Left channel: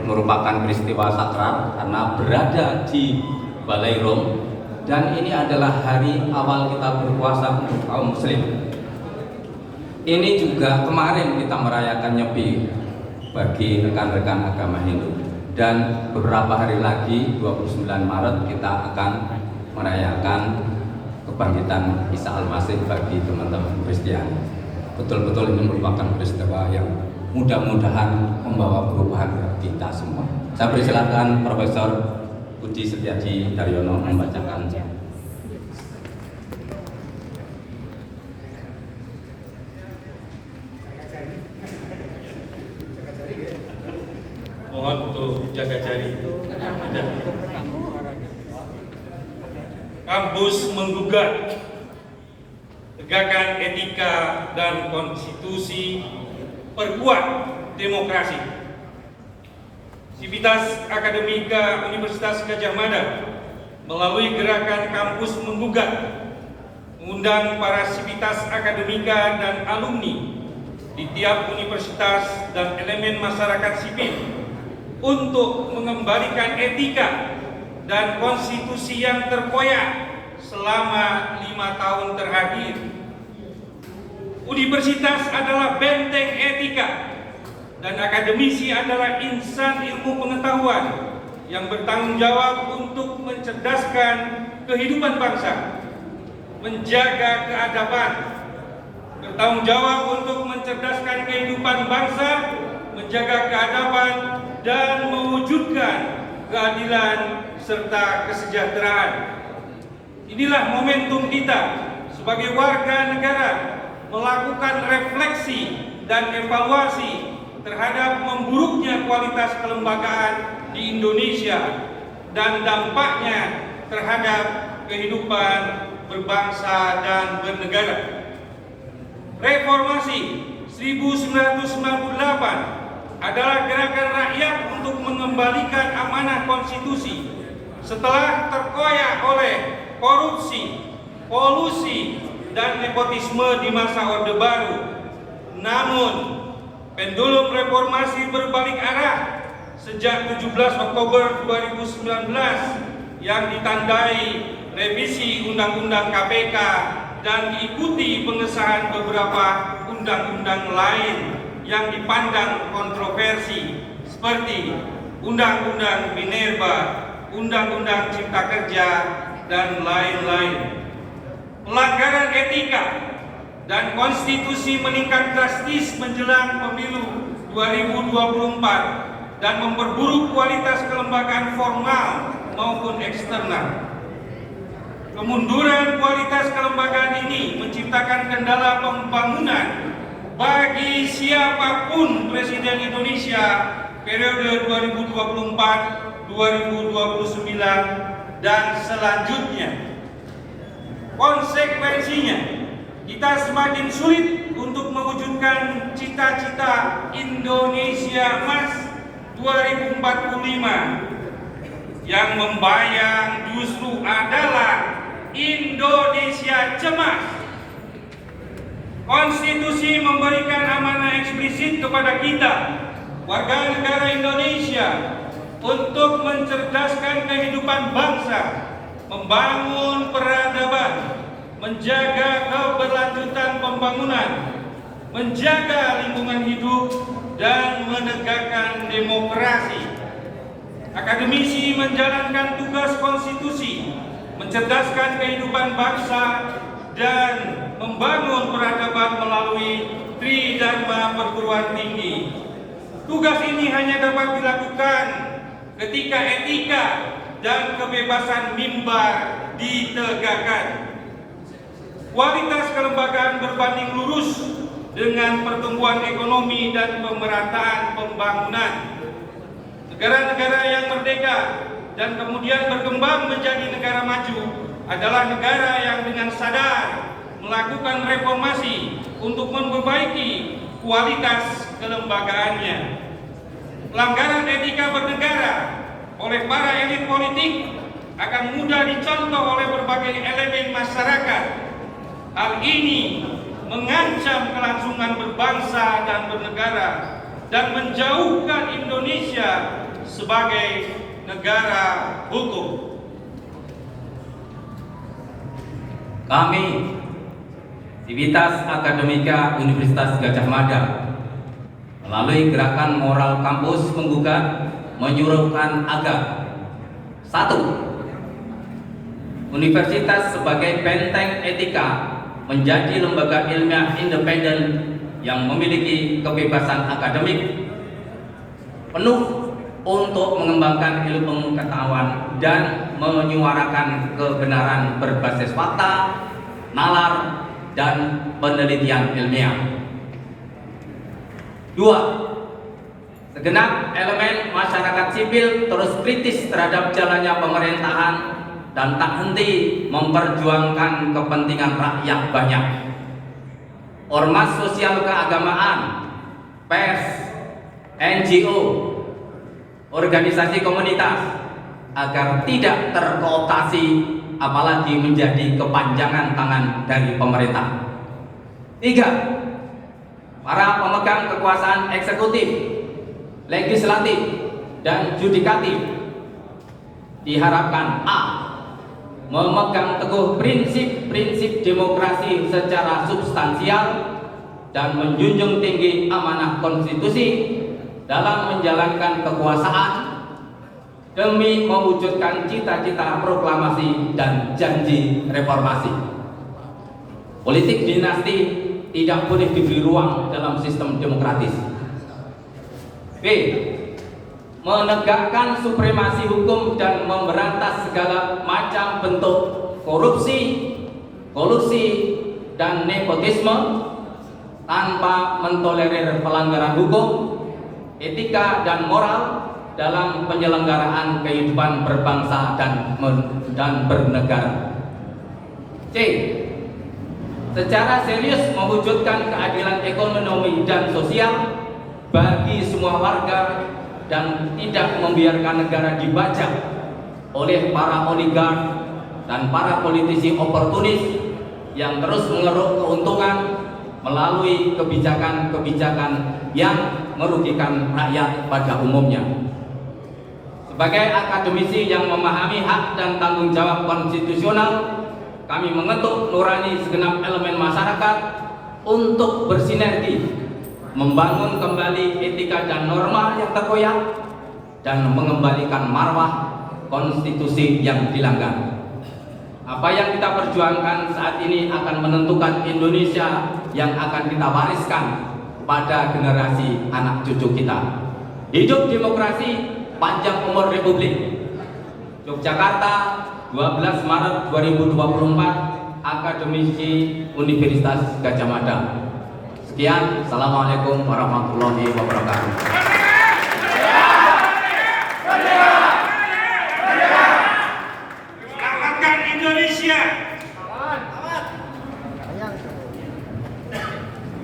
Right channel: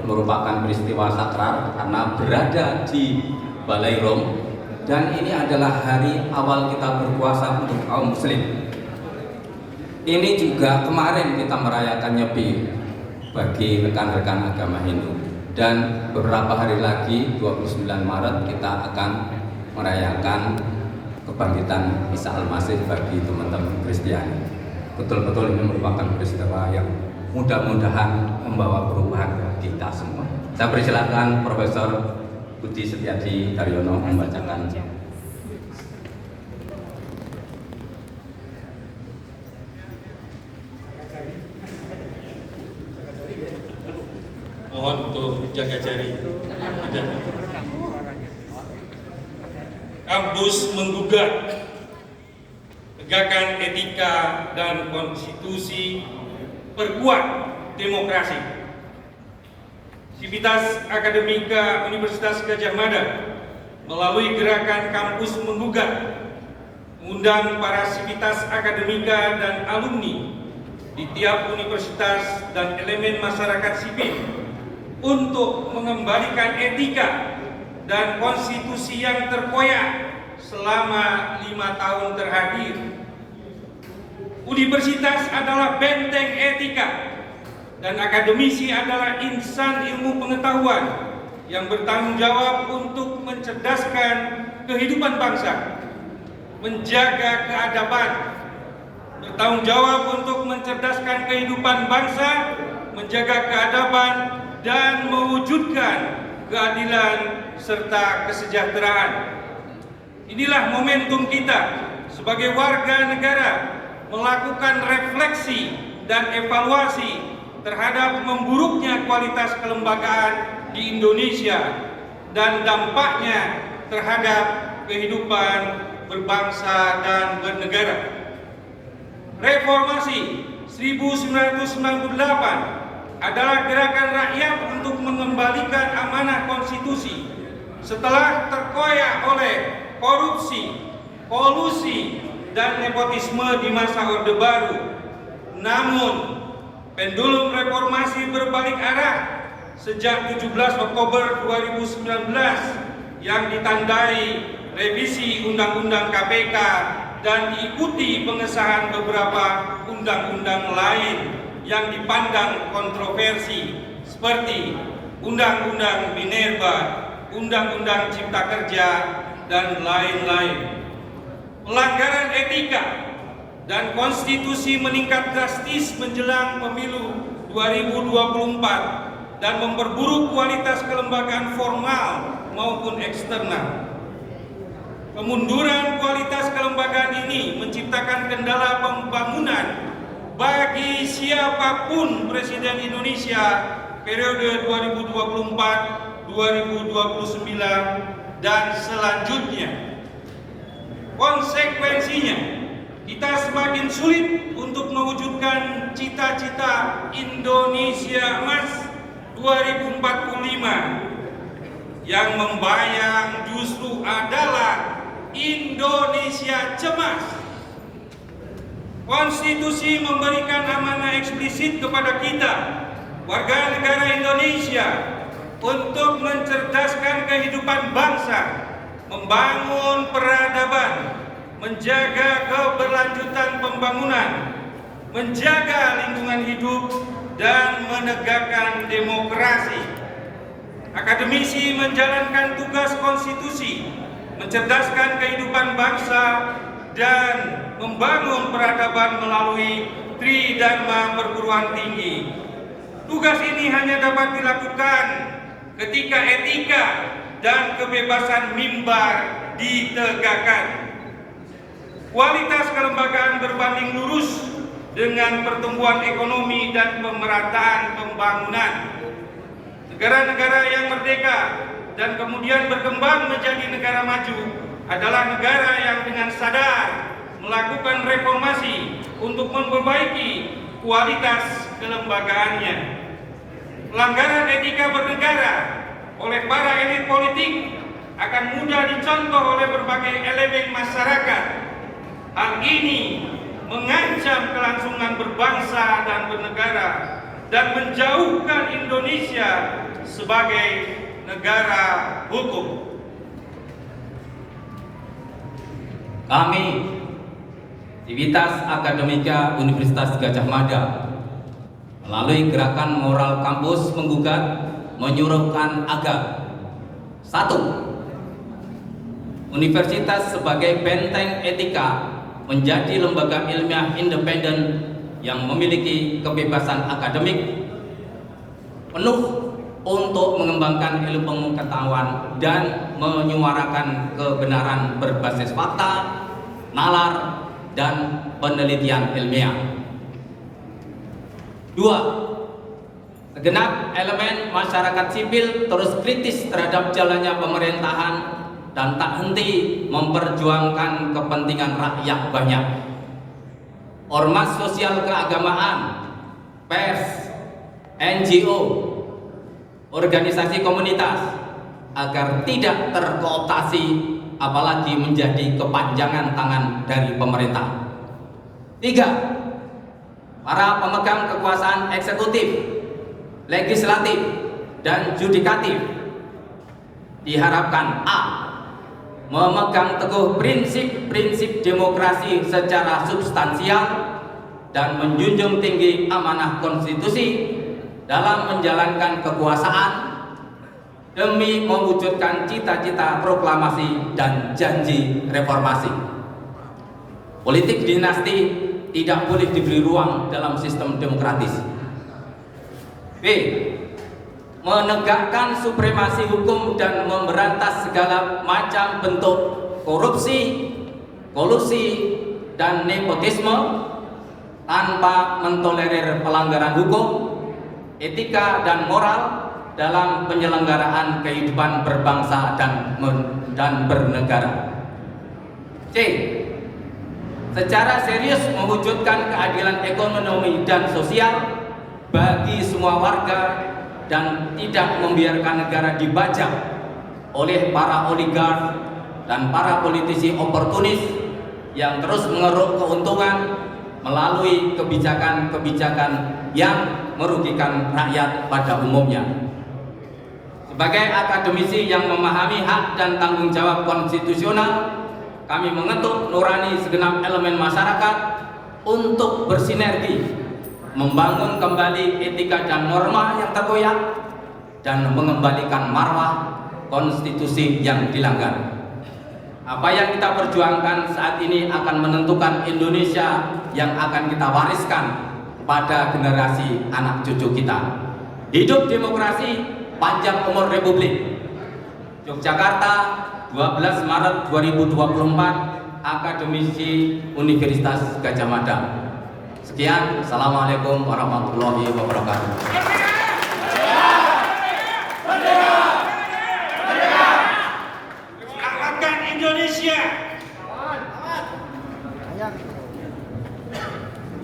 merupakan peristiwa sakral karena berada di Balai Rom, dan ini adalah hari awal kita berpuasa untuk kaum muslim. Ini juga kemarin kita merayakan Nyepi bagi rekan-rekan agama Hindu, dan beberapa hari lagi 29 Maret kita akan merayakan kebangkitan Isa Al-Masih bagi teman-teman Kristiani. Betul-betul ini merupakan peristiwa yang mudah-mudahan membawa perubahan bagi kita semua. Saya persilakan Profesor Budi Setiaji Daryono membacakan. Mohon untuk jaga jari. Kampus menggugat tegakkan etika dan konstitusi, perkuat demokrasi. Sivitas Akademika Universitas Gadjah Mada melalui gerakan kampus menggugat mengundang para sivitas akademika dan alumni di tiap universitas dan elemen masyarakat sipil untuk mengembalikan etika dan konstitusi yang terkoyak selama 5 tahun terakhir. Universitas adalah benteng etika dan akademisi adalah insan ilmu pengetahuan yang bertanggung jawab untuk mencerdaskan kehidupan bangsa, menjaga keadaban, bertanggung jawab untuk mencerdaskan kehidupan bangsa, menjaga keadaban, dan mewujudkan keadilan serta kesejahteraan. Inilah momentum kita sebagai warga negara melakukan refleksi dan evaluasi terhadap memburuknya kualitas kelembagaan di Indonesia dan dampaknya terhadap kehidupan berbangsa dan bernegara. Reformasi 1998 adalah gerakan rakyat untuk mengembalikan amanah konstitusi setelah terkoyak oleh korupsi, kolusi, dan nepotisme di masa Orde Baru. Namun, pendulum reformasi berbalik arah sejak 17 Oktober 2019 yang ditandai revisi Undang-Undang KPK dan diikuti pengesahan beberapa undang-undang lain yang dipandang kontroversi seperti Undang-Undang Minerba, Undang-Undang Cipta Kerja, dan lain-lain. Pelanggaran etika dan konstitusi meningkat drastis menjelang pemilu 2024 dan memperburuk kualitas kelembagaan formal maupun eksternal. Kemunduran kualitas kelembagaan ini menciptakan kendala pembangunan bagi siapapun Presiden Indonesia periode 2024-2029 dan selanjutnya. Konsekuensinya, kita semakin sulit untuk mewujudkan cita-cita Indonesia Emas 2045. Yang membayang justru adalah Indonesia cemas. Konstitusi memberikan amanah eksplisit kepada kita, warga negara Indonesia, untuk mencerdaskan kehidupan bangsa, membangun peradaban, menjaga keberlanjutan pembangunan, menjaga lingkungan hidup, dan menegakkan demokrasi. Akademisi menjalankan tugas konstitusi, mencerdaskan kehidupan bangsa, dan membangun peradaban melalui Tridharma perguruan tinggi. Tugas ini hanya dapat dilakukan ketika etika dan kebebasan mimbar ditegakkan. Kualitas kelembagaan berbanding lurus dengan pertumbuhan ekonomi dan pemerataan pembangunan. Negara-negara yang merdeka dan kemudian berkembang menjadi negara maju adalah negara yang dengan sadar melakukan reformasi untuk memperbaiki kualitas kelembagaannya. Pelanggaran etika bernegara oleh para elit politik akan mudah dicontoh oleh berbagai elemen masyarakat. Hal ini mengancam kelangsungan berbangsa dan bernegara dan menjauhkan Indonesia sebagai negara hukum. Kami, Civitas Akademika Universitas Gadjah Mada, melalui gerakan moral kampus penggugat menyuruhkan agar 1. Universitas sebagai benteng etika menjadi lembaga ilmiah independen yang memiliki kebebasan akademik penuh untuk mengembangkan ilmu pengetahuan dan menyuarakan kebenaran berbasis fakta, nalar, dan penelitian ilmiah. 2. Segenap elemen masyarakat sipil terus kritis terhadap jalannya pemerintahan dan tak henti memperjuangkan kepentingan rakyat banyak. Ormas sosial keagamaan, pers, NGO, organisasi komunitas agar tidak terkooptasi apalagi menjadi kepanjangan tangan dari pemerintah. 3. Para pemegang kekuasaan eksekutif, legislatif, dan yudikatif diharapkan A. Memegang teguh prinsip-prinsip demokrasi secara substansial dan menjunjung tinggi amanah konstitusi dalam menjalankan kekuasaan demi mewujudkan cita-cita proklamasi dan janji reformasi. Politik dinasti tidak boleh diberi ruang dalam sistem demokratis. B. Menegakkan supremasi hukum dan memberantas segala macam bentuk korupsi, kolusi, dan nepotisme tanpa mentolerir pelanggaran hukum, etika, dan moral dalam penyelenggaraan kehidupan berbangsa dan bernegara. C. Secara serius mewujudkan keadilan ekonomi dan sosial bagi semua warga dan tidak membiarkan negara dibajak oleh para oligark dan para politisi oportunis yang terus mengeruk keuntungan melalui kebijakan-kebijakan yang merugikan rakyat pada umumnya. Sebagai akademisi yang memahami hak dan tanggung jawab konstitusional, kami mengetuk nurani segenap elemen masyarakat untuk bersinergi membangun kembali etika dan norma yang terkoyak dan mengembalikan marwah konstitusi yang dilanggar. Apa yang kita perjuangkan saat ini akan menentukan Indonesia yang akan kita wariskan pada generasi anak cucu kita. Hidup demokrasi, panjang umur Republik. Yogyakarta, 12 Maret 2024, Akademisi Universitas Gadjah Mada. Sekian, Assalamualaikum warahmatullahi wabarakatuh.